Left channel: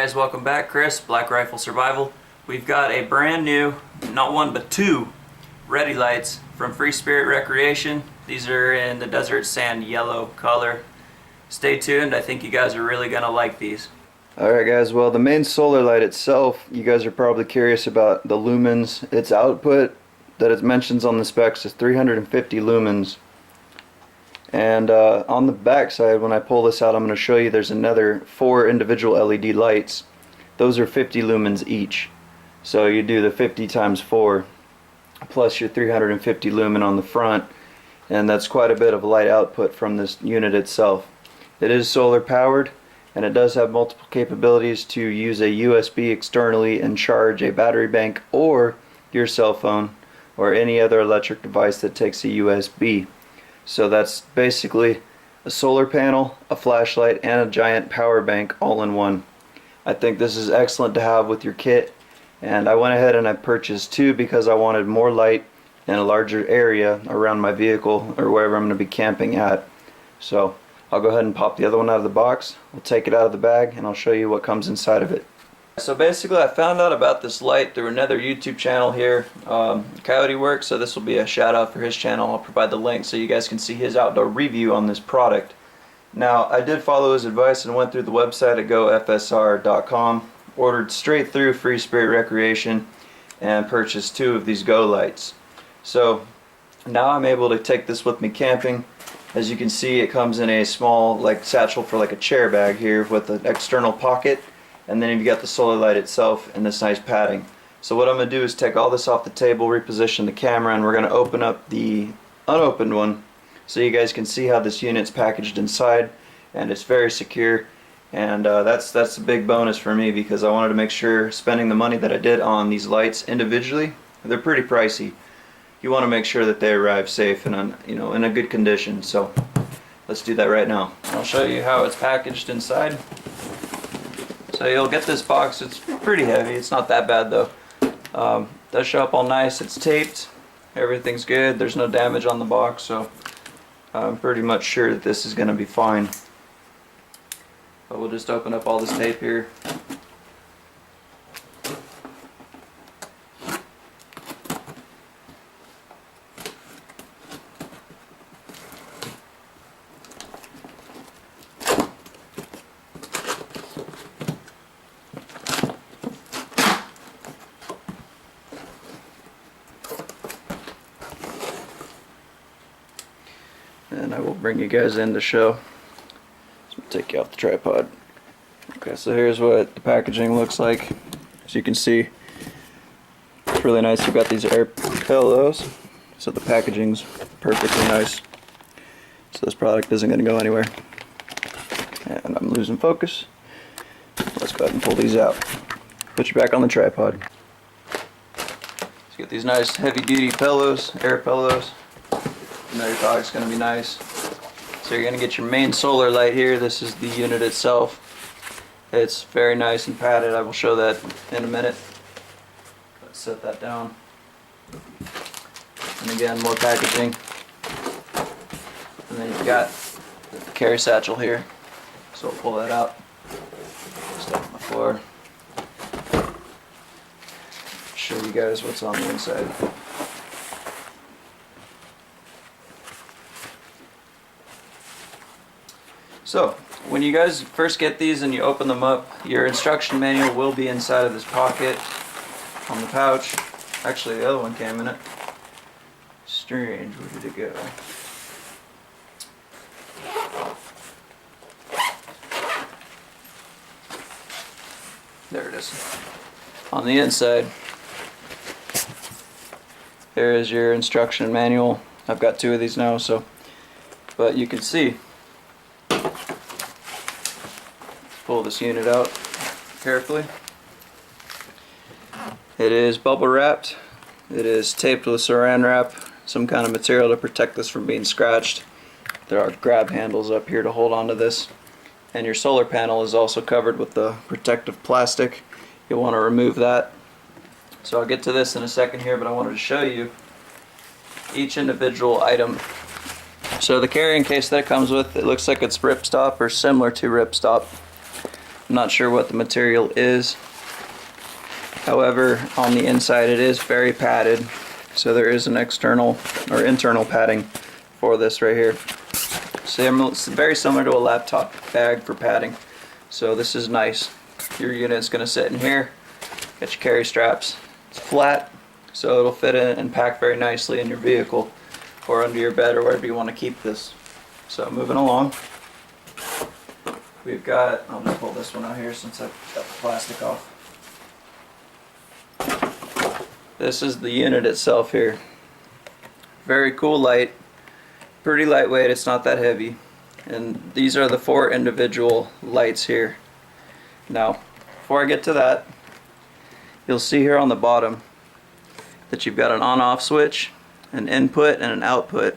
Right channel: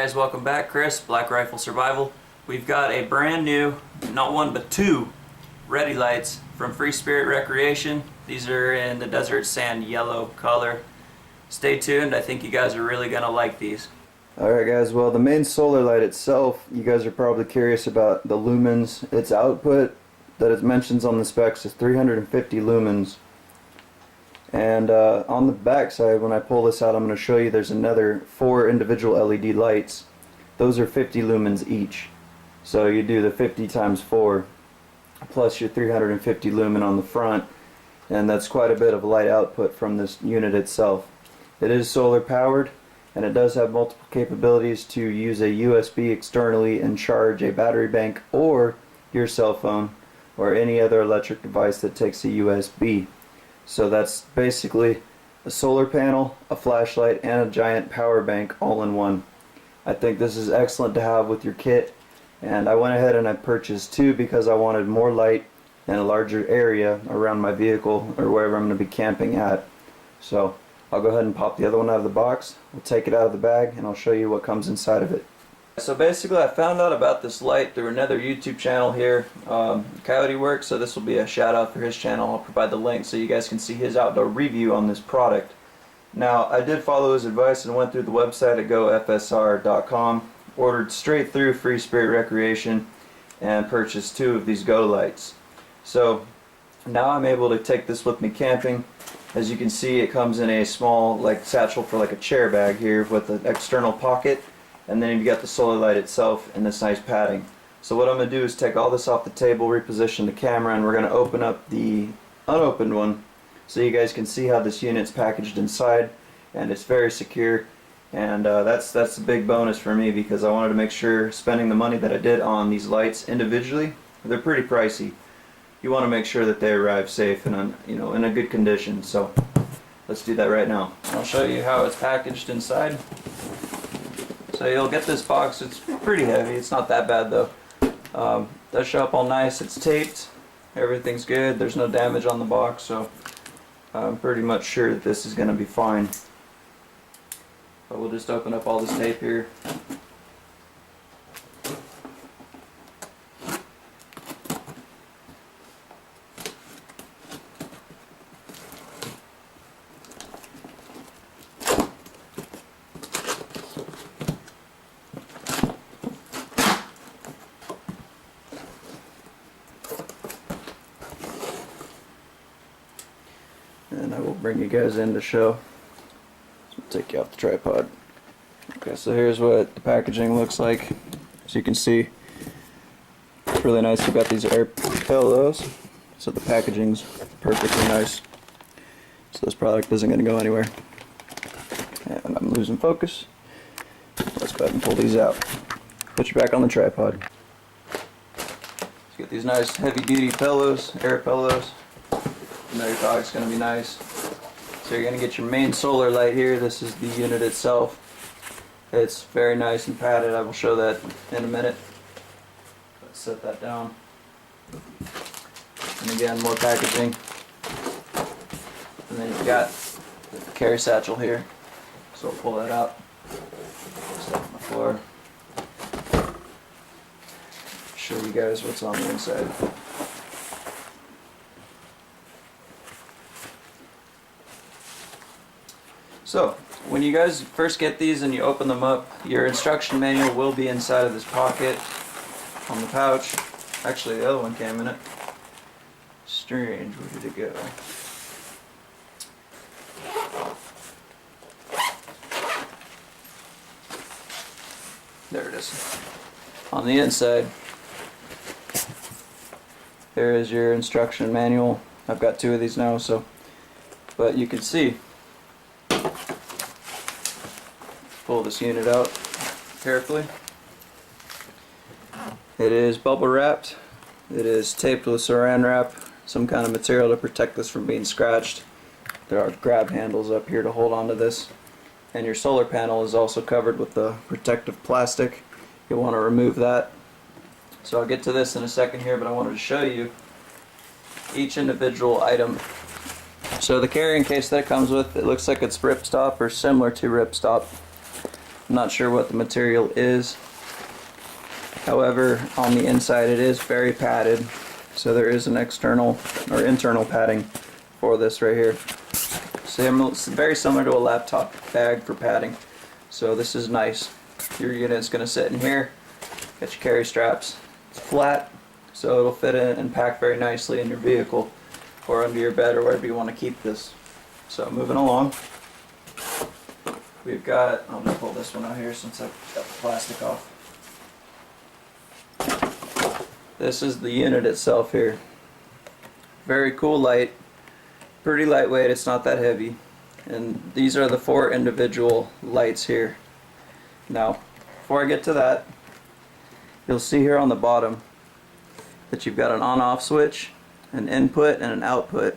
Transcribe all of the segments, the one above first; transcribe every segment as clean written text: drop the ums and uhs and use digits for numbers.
guys, welcome back. Chris, BlackRifle Survival. We've got a brand new, not one but two, ready lights from Free Spirit Recreation. These are in the desert sand yellow color. Stay tuned, I think you guys are really gonna like these. Alright guys, well the main solar light itself, you guys are probably curious about the lumens. Its output that it mentions on the specs is 350 lumens. And on the back side, when I pull this out, I'm going to show you there's another 4 individual LED lights. Those are 50 lumens each. So you do the 50 times 4 plus your 350 lumen on the front, and that's quite a bit of light output from this unit itself. It is solar powered, and it does have multiple capabilities to use a USB externally and charge a battery bank or your cell phone or any other electric device that takes a USB. So that's basically a solar panel, a flashlight, and a giant power bank all in one. I think this is excellent to have with your kit, and I went ahead and I purchased 2 because I wanted more light and a larger area around my vehicle or wherever I'm going to be camping at. So I'll go ahead and pop the other one out of the box. We'll take it out of the bag and I'll show you what comes inside of it. So basically I found out about this light through another YouTube channel here, Coyote Works, so this will be a shout out for his channel. I'll provide the link so you guys can see his outdoor review on this product. Now I did follow his advice and went through the website at GoFSR.com, ordered straight through Free Spirit Recreation, and purchased 2 of these Go Lights. So now I'm able to take this with me camping. As you can see, it comes in a small like satchel for like a chair bag here with an external pocket. And then you've got the solar light itself and this nice padding. So what I'm going to do is take all this off the table, reposition the camera, and we're going to open up the unopened one so you guys can see how this unit's packaged inside, and it's very secure. And that's a big bonus for me because I wanted to make sure, spending the money that I did on these lights individually, they're pretty pricey. You want to make sure that they arrive safe and in a good condition. So let's do that right now. I'll show you how it's packaged inside. So you'll get this box. It's pretty heavy. It's not that bad though. Does show up all nice. It's taped. Everything's good. There's no damage on the box, so I'm pretty much sure that this is going to be fine. But we'll just open up all this tape here. And I will bring you guys in to show. So I'll take you off the tripod. Okay, so here's what the packaging looks like. As you can see, it's really nice. We've got these air pillows, so the packaging's perfectly nice. So this product isn't going to go anywhere. And I'm losing focus. Let's go ahead and pull these out. Put you back on the tripod. Let's get these nice heavy-duty pillows, air pillows. You know your dog's going to be nice. So you're going to get your main solar light here. This is the unit itself. It's very nice and padded. I will show that in a minute. Let's set that down. And again, more packaging. And then you've got the carry satchel here. So I'll pull that out. Stuff on the floor. Show you guys what's on the inside. So, when you guys first get these and you open them up, your instruction manual will be inside of this pocket on the pouch. Actually, the other one came in it. Strange, where did it go? There it is. On the inside, there is your instruction manual. I've got 2 of these now, but you can see. Pull this unit out carefully. It is bubble wrapped. It is taped with saran wrap, some kind of material to protect this from being scratched. There are grab handles up here to hold onto this. And your solar panel is also covered with the protective plastic. You'll want to remove that. So I'll get to this in a second here, but I wanted to show you each individual item. So the carrying case that it comes with, it looks like it's ripstop or similar to ripstop. I'm not sure what the material is. However, on the inside it is very padded, so there is an external or internal padding for this right here. It's very similar to a laptop bag for padding, so this is nice. Your unit's going to sit in here, got your carry straps. It's flat, so it'll fit in and pack very nicely in your vehicle or under your bed or wherever you want to keep this. So moving along, we've got, I'll just pull this one out here since I've got the plastic off. This is the unit itself here. Very cool light, pretty lightweight, it's not that heavy. And these are the 4 individual lights here. Now, before I get to that, you'll see here on the bottom that you've got an on-off switch, an input, and an output.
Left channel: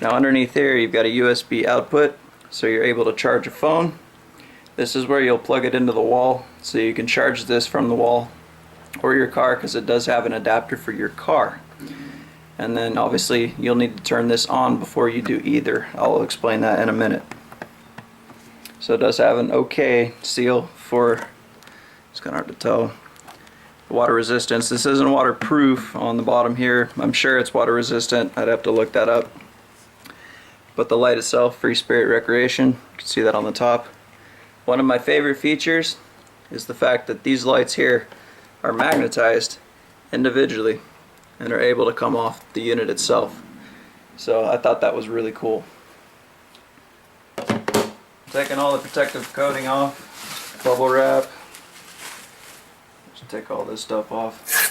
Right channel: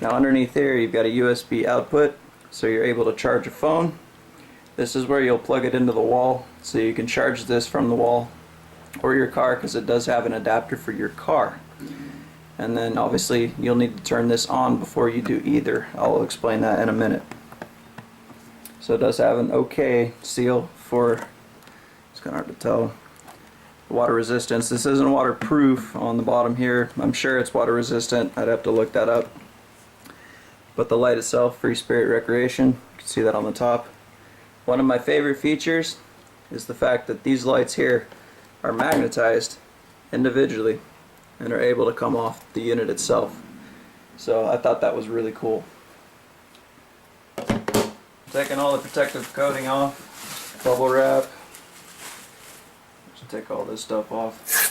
Now underneath here you've got a USB output, so you're able to charge a phone. This is where you'll plug it into the wall, so you can charge this from the wall or your car, because it does have an adapter for your car. And then obviously you'll need to turn this on before you do either. I'll explain that in a minute. So it does have an OK seal for, it's kind of hard to tell, water resistance. This isn't waterproof on the bottom here. I'm sure it's water resistant. I'd have to look that up. But the light itself, Free Spirit Recreation, you can see that on the top. One of my favorite features is the fact that these lights here are magnetized individually and are able to come off the unit itself. So I thought that was really cool. Taking all the protective coating off, bubble wrap. Just take all this stuff off.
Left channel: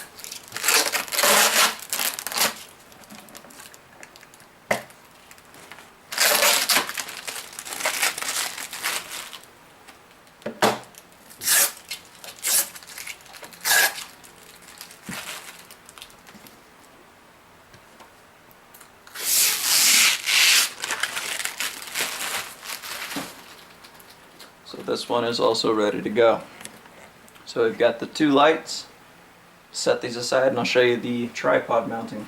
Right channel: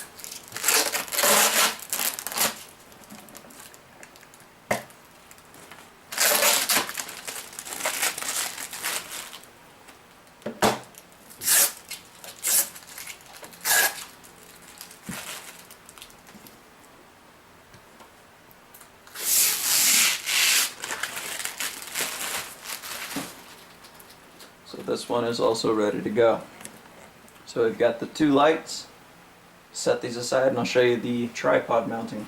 So this one is also ready to go. So we've got the 2 lights. Set these aside and I'll show you the tripod mounting.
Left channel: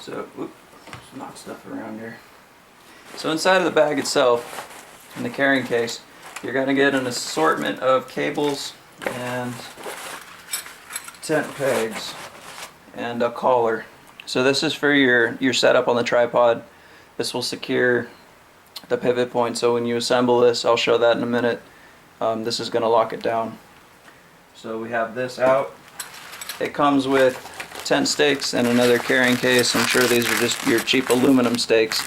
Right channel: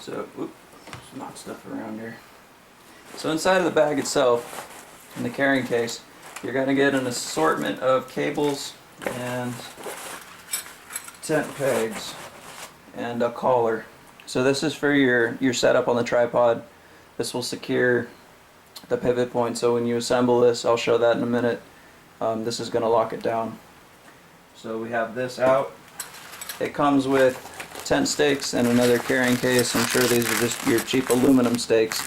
So, oops, knock stuff around here. So inside of the bag itself, in the carrying case, you're going to get an assortment of cables and tent pegs and a collar. So this is for your setup on the tripod. This will secure the pivot point, so when you assemble this, I'll show that in a minute, this is going to lock it down. So we have this out. It comes with tent stakes and another carrying case. I'm sure these are just your cheap aluminum stakes,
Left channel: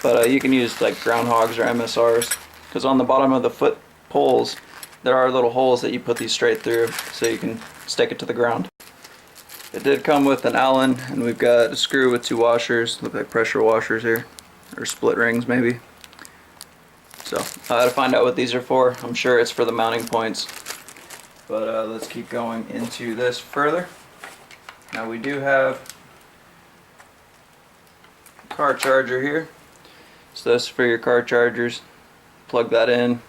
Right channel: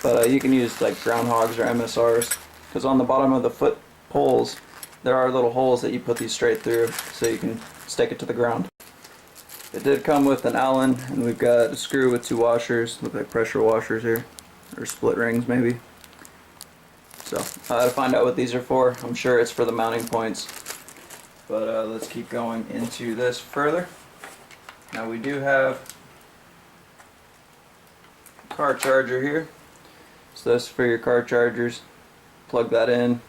but you can use like groundhogs or MSRs, because on the bottom of the foot poles there are little holes that you put these straight through so you can stake it to the ground. It did come with an Allen, and we've got a screw with 2 washers, look like pressure washers here, or split rings maybe. So I had to find out what these are for. I'm sure it's for the mounting points, but let's keep going into this further. Now we do have a car charger here, so this is for your car chargers. Plug that in,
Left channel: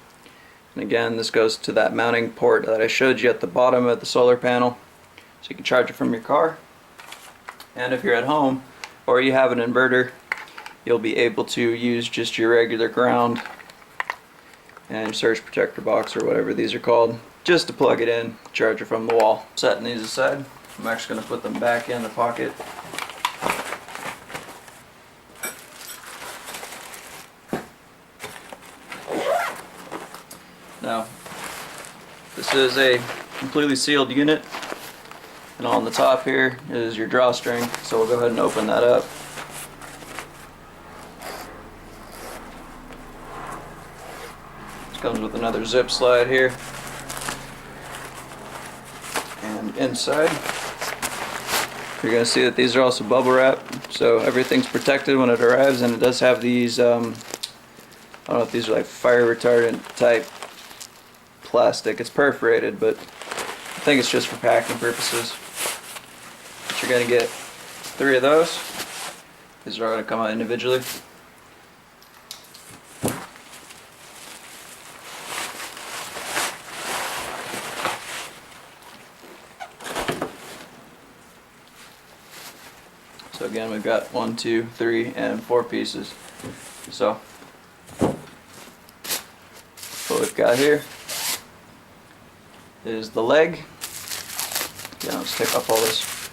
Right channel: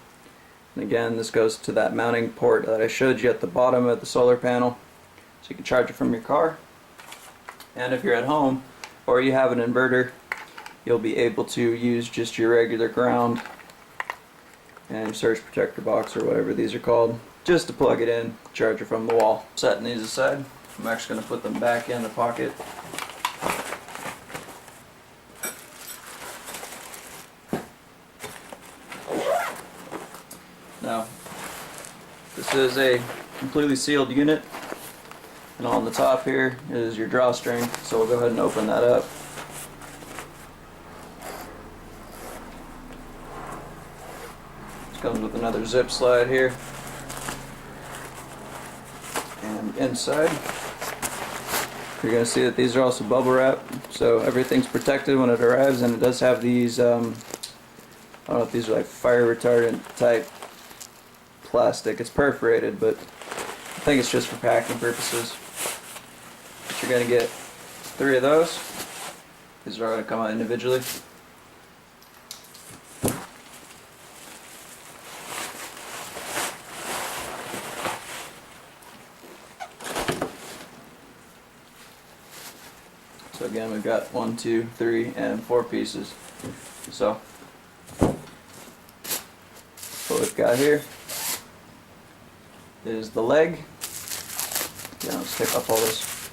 and again this goes to that mounting port that I showed you at the bottom of the solar panel. So you can charge it from your car, and if you're at home or you have an inverter, you'll be able to use just your regular ground and your surge protector box or whatever these are called, just to plug it in, charge it from the wall. Setting these aside, I'm actually going to put them back in the pocket. Now, this is a completely sealed unit. And on the top here is your drawstring, so we'll go ahead and open that up. This comes with another zip slide here. And inside, you're going to see that these are also bubble wrap, so everything's protected when it arrives, and it does have these, I don't know if these are like fire retardant type plastic. It's perforated, but I think it's just for packing purposes. But you're going to get 3 of those. These are all going to come out individually. So So again, we've got 1, 2, 3, and 4 pieces. So what we've got here is the leg. Yeah, let's take off all this.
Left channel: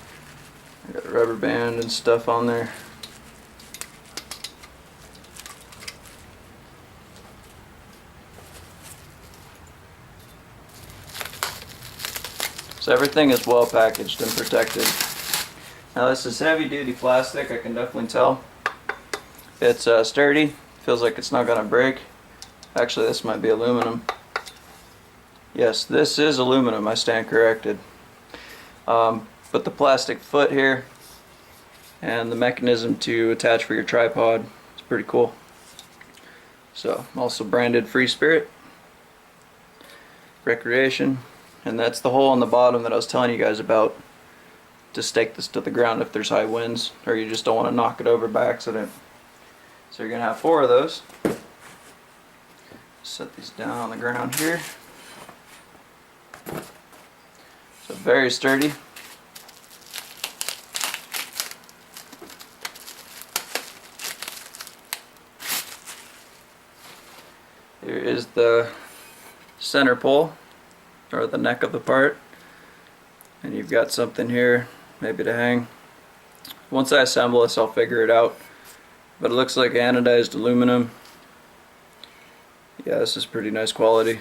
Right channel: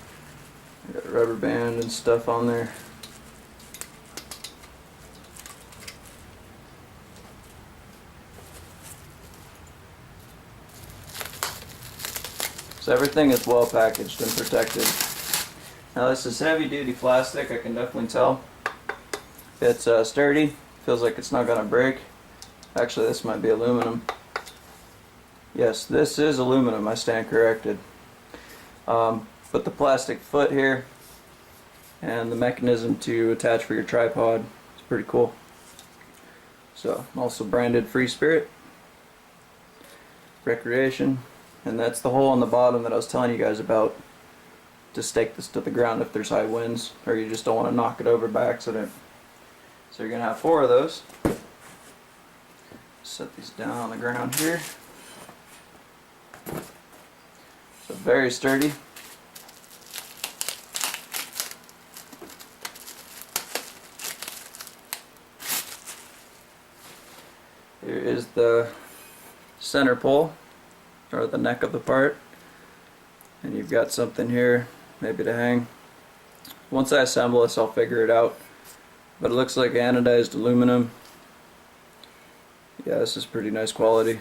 I got a rubber band and stuff on there. So everything is well packaged and protected. Now this is heavy duty plastic, I can definitely tell. It's sturdy, feels like it's not gonna break. Actually, this might be aluminum. Yes, this is aluminum, I stand corrected. But the plastic foot here and the mechanism to attach for your tripod is pretty cool. So, also branded Free Spirit Recreation. And that's the hole on the bottom that I was telling you guys about to stake this to the ground if there's high winds or you just don't want to knock it over by accident. So you're going to have 4 of those. Set these down on the ground here. So very sturdy. Here is the center pole, or the neck of the part, and you've got something here maybe to hang. Once I assemble this, I'll figure it out, but it looks like anodized aluminum. Yeah, this is pretty nice quality,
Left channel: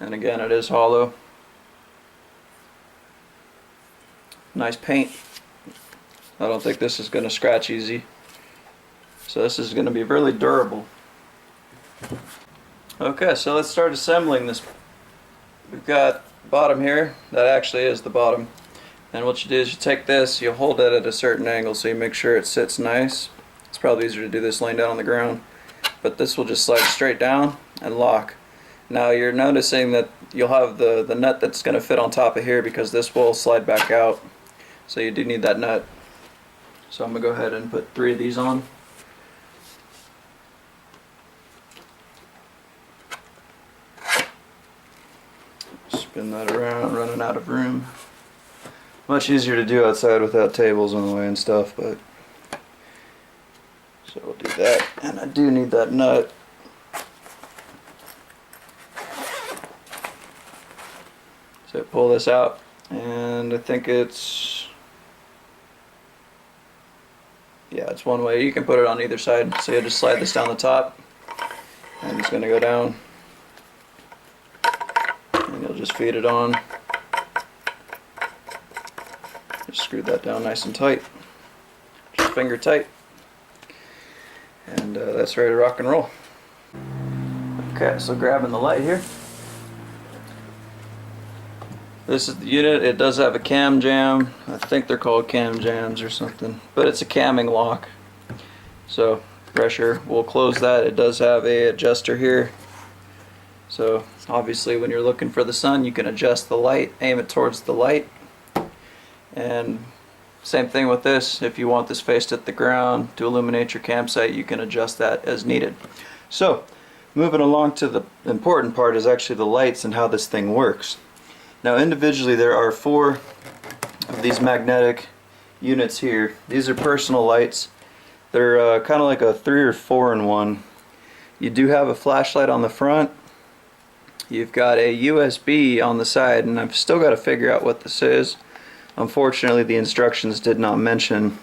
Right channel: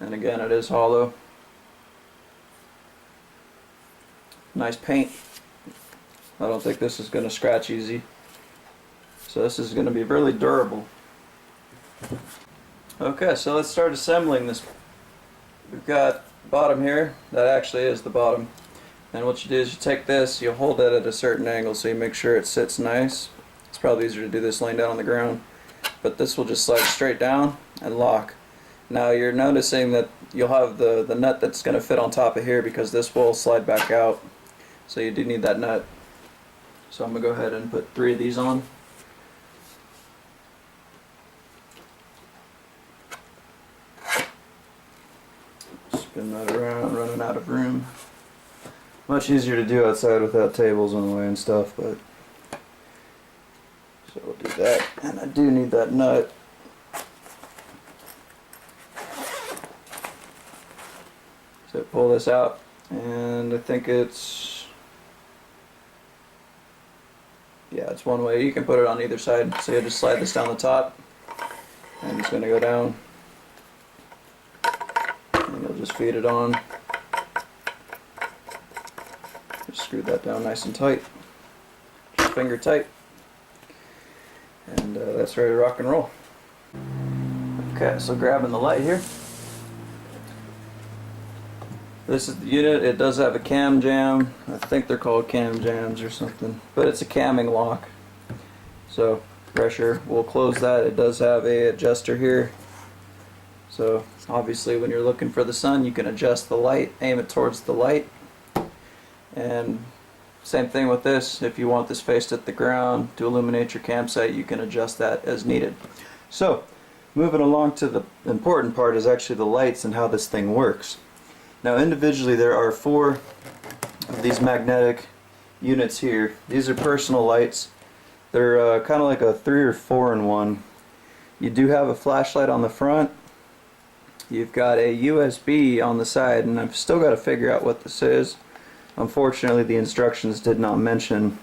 and again, it is hollow. Nice paint. I don't think this is going to scratch easy, so this is going to be really durable. Okay, so let's start assembling this. We've got bottom here, that actually is the bottom, and what you do is you take this, you hold it at a certain angle so you make sure it sits nice. It's probably easier to do this laying down on the ground, but this will just slide straight down and lock. Now you're noticing that you'll have the nut that's going to fit on top of here because this will slide back out, so you do need that nut. So I'm going to go ahead and put 3 of these on. Spin that around, running out of room. Much easier to do outside without tables in the way and stuff, but so we'll do that. And I do need that nut. So pull this out, and I think it's, yeah, it's one way. You can put it on either side. So you'll just slide this down the top, and it's going to go down. You'll just feed it on. Just screw that down nice and tight. Just finger tight. And that's ready to rock and roll. Okay, so grabbing the light here. This is the unit. It does have a cam jam. I think they're called cam jams or something. But it's a camming lock. So pressure, we'll close that. It does have a adjuster here. So obviously when you're looking for the sun, you can adjust the light, aim it towards the light. And same thing with this, if you want this faced at the ground to illuminate your campsite, you can adjust that as needed. So moving along to the important part is actually the lights and how this thing works. Now individually there are 4 of these magnetic units here. These are personal lights. They're kind of like a 3 or 4 in 1. You do have a flashlight on the front. You've got a USB on the side, and I've still got to figure out what this is. Unfortunately, the instructions did not mention.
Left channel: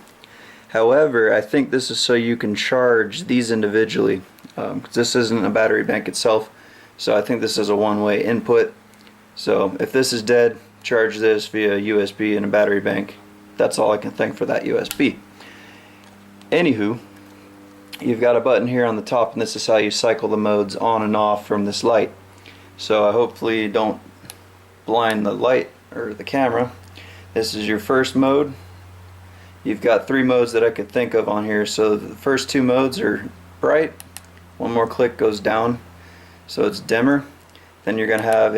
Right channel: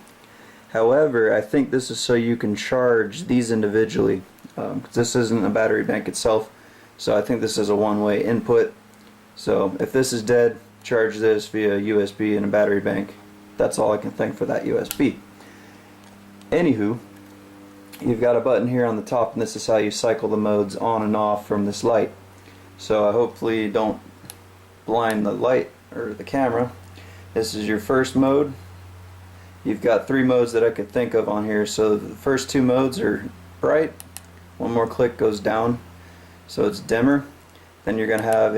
However, I think this is so you can charge these individually, because this isn't a battery bank itself. So I think this is a one-way input. So if this is dead, charge this via USB and a battery bank. That's all I can think for that USB. Anywho, you've got a button here on the top, and this is how you cycle the modes on and off from this light. So I hopefully don't blind the light or the camera. This is your first mode. You've got 3 modes that I could think of on here. So the first 2 modes are bright. One more click goes down, so it's dimmer. Then you're going to have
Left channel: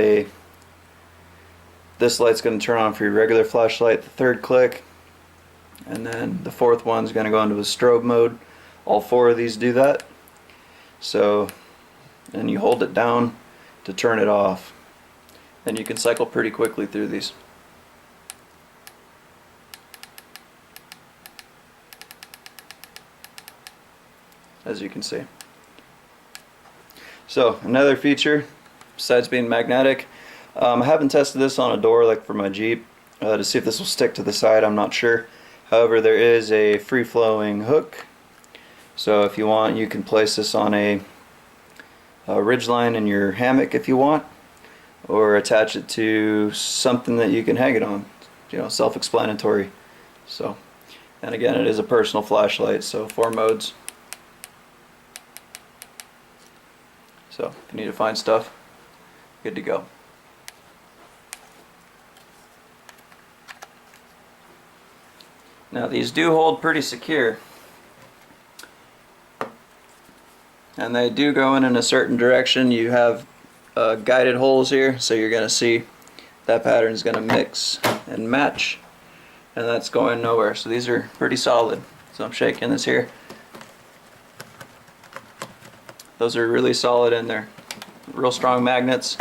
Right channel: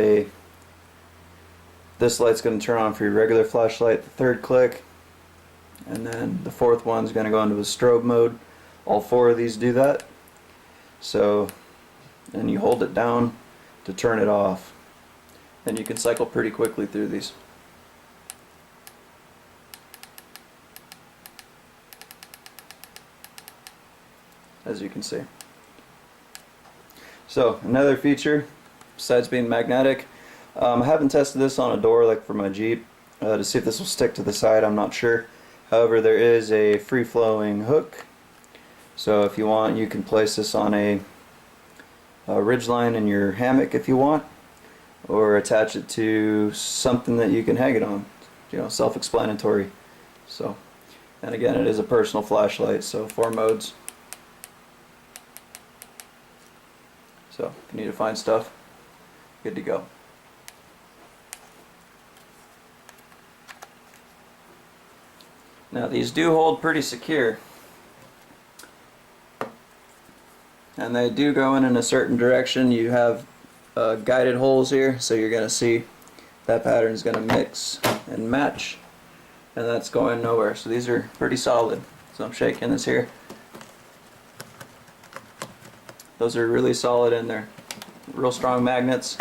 this light's going to turn on for your regular flashlight, the 3rd click, and then the 4th one's going to go into a strobe mode. All 4 of these do that. So, and you hold it down to turn it off. Then you can cycle pretty quickly through these. as you can see. So another feature, besides being magnetic, I haven't tested this on a door like for my Jeep to see if this will stick to the side. I'm not sure. However, there is a free-flowing hook, so if you want, you can place this on a ridgeline in your hammock if you want, or attach it to something that you can hang it on. You know, self-explanatory. So, and again, it is a personal flashlight, so 4 modes. So if you need to find stuff, good to go. Now these do hold pretty secure, and they do go in a certain direction. You have guided holes here, so you're going to see that pattern is going to mix and match, and that's going nowhere. So these are pretty solid. So I'm shaking this here. Those are really solid, and they're real strong magnets,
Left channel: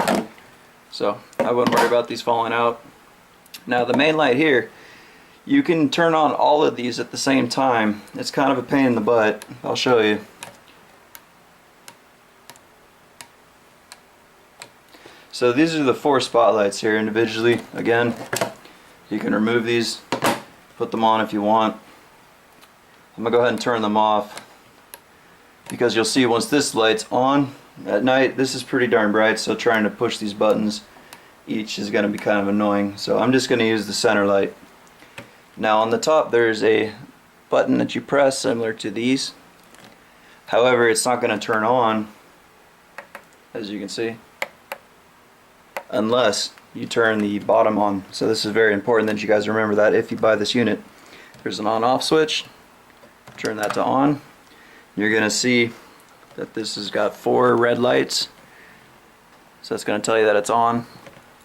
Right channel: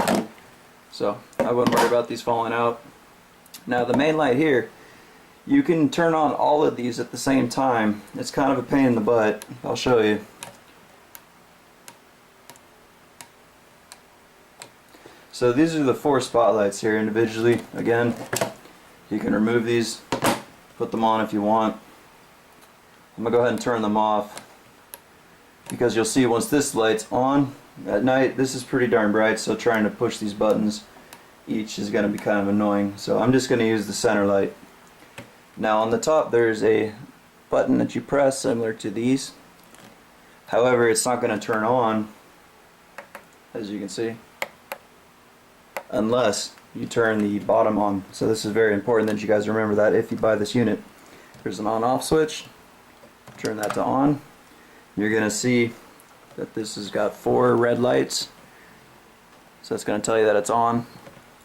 so I wouldn't worry about these falling out. Now the main light here, you can turn on all of these at the same time. It's kind of a pain in the butt. I'll show you. So these are the 4 spotlights here individually. Again, you can remove these, put them on if you want. I'm going to go ahead and turn them off, because you'll see once this light's on at night, this is pretty darn bright, so trying to push these buttons each is going to be kind of annoying. So I'm just going to use the center light. Now on the top there's a button that you press similar to these. However, it's not going to turn on, as you can see, unless you turn the bottom on. So this is very important that you guys remember that if you buy this unit. There's an on-off switch. Turn that to on. You're going to see that this has got 4 red lights. So that's going to tell you that it's on.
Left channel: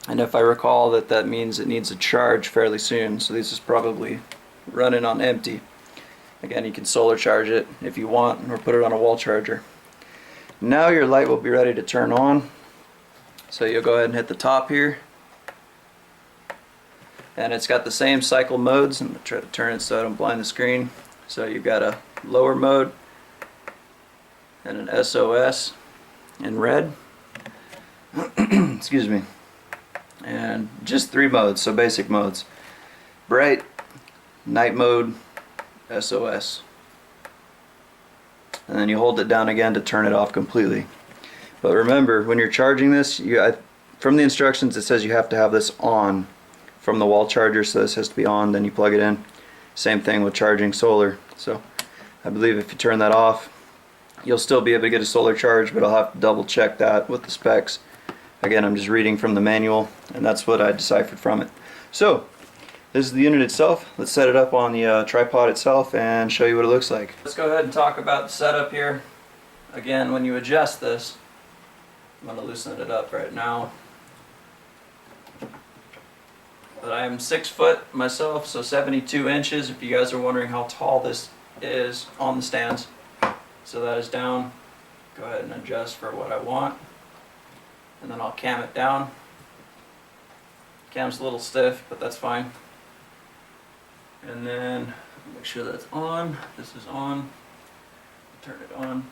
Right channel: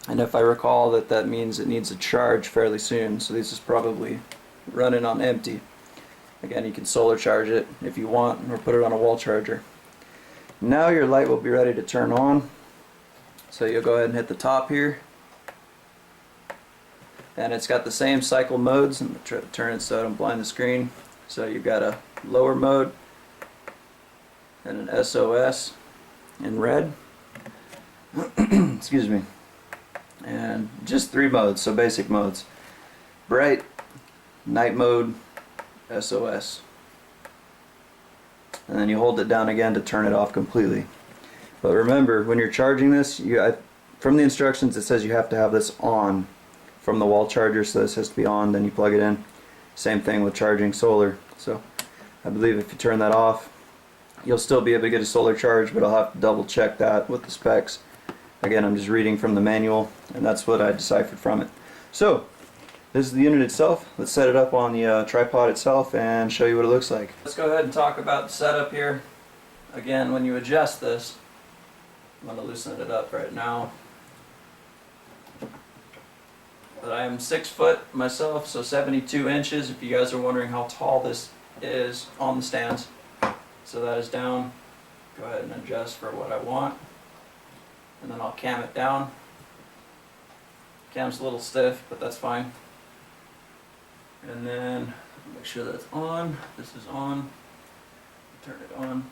And if I recall, that means it needs a charge fairly soon. So this is probably running on empty. Again, you can solar charge it if you want, or put it on a wall charger. Now your light will be ready to turn on. So you'll go ahead and hit the top here. And it's got the same cycle modes. I'm going to try to turn it so I don't blind the screen. So you've got a lower mode and an SOS in red. Excuse me. And just 3 modes, so basic modes: bright, night mode, SOS. And then you hold it down again to turn it off completely. But remember, when you're charging this, from the instructions it says you have to have this on from the wall charger, so this has to be on, then you plug it in. Same thing with charging solar. So I believe if you turn that off, you'll still be able to get a solar charge, but I'll have to double check that with the specs. Again, I'm just reading from the manual, and that's what I deciphered from it. So this is the unit itself. Let's set it up on the tripod itself and show you what it looks like. Let's go ahead and talk about the setup here. Again, when you adjust this, I'm going to loosen it up right now. But I am 6 foot myself, so 72 inches, if you guys are wondering how tall this is on the stands. So that is down. Go ahead and adjust for what I want. And then I'll cam it down. Cam's a little stiff, but that's fine. And then make sure that it's on. This is on. Turn it on.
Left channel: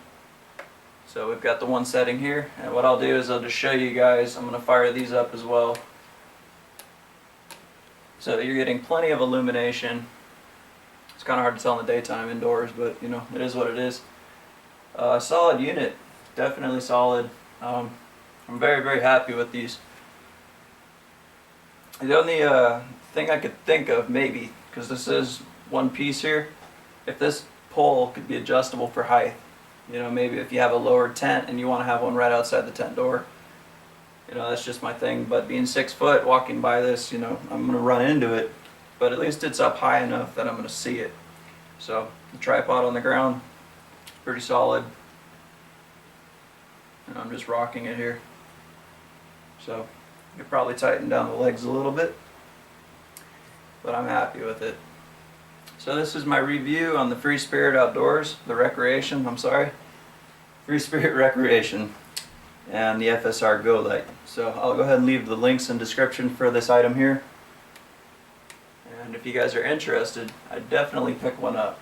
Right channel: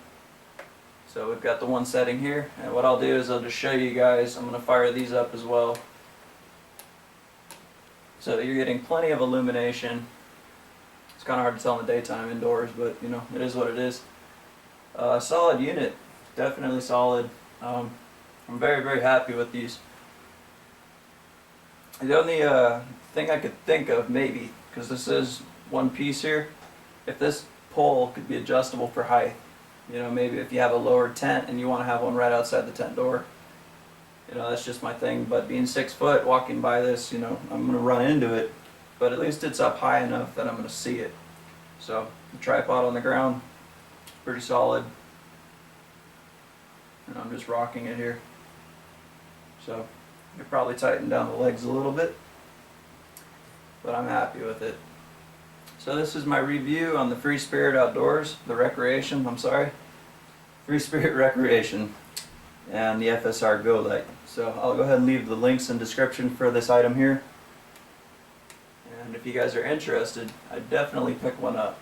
So we've got the one setting here, and what I'll do is I'll just show you guys. I'm going to fire these up as well. So you're getting plenty of illumination. It's kind of hard to tell in the daytime indoors, but you know, it is what it is. Solid unit, definitely solid. I'm very, very happy with these. The only thing I could think of, maybe, because this is one piece here, if this pole could be adjustable for height. You know, maybe if you have a lower tent and you want to have one right outside the tent door. You know, that's just my thing. But being 6 foot, walking by this, you know, I'm going to run into it. But at least it's up high enough that I'm going to see it. So the tripod on the ground, pretty solid. And I'm just rocking it here. So you could probably tighten down the legs a little bit, but I'm happy with it. So this is my review on the Free Spirit Outdoors, Free Spirit Recreation, and the FSR GO Light. So I'll go ahead and leave the links in the description for this item here. And if you guys are interested, I'd definitely pick one up.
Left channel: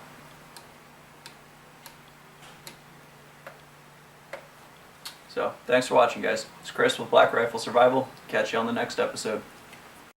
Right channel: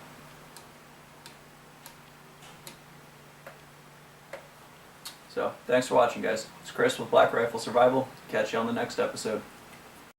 So thanks for watching, guys. It's Chris with Black Rifle Survival. Catch you on the next episode.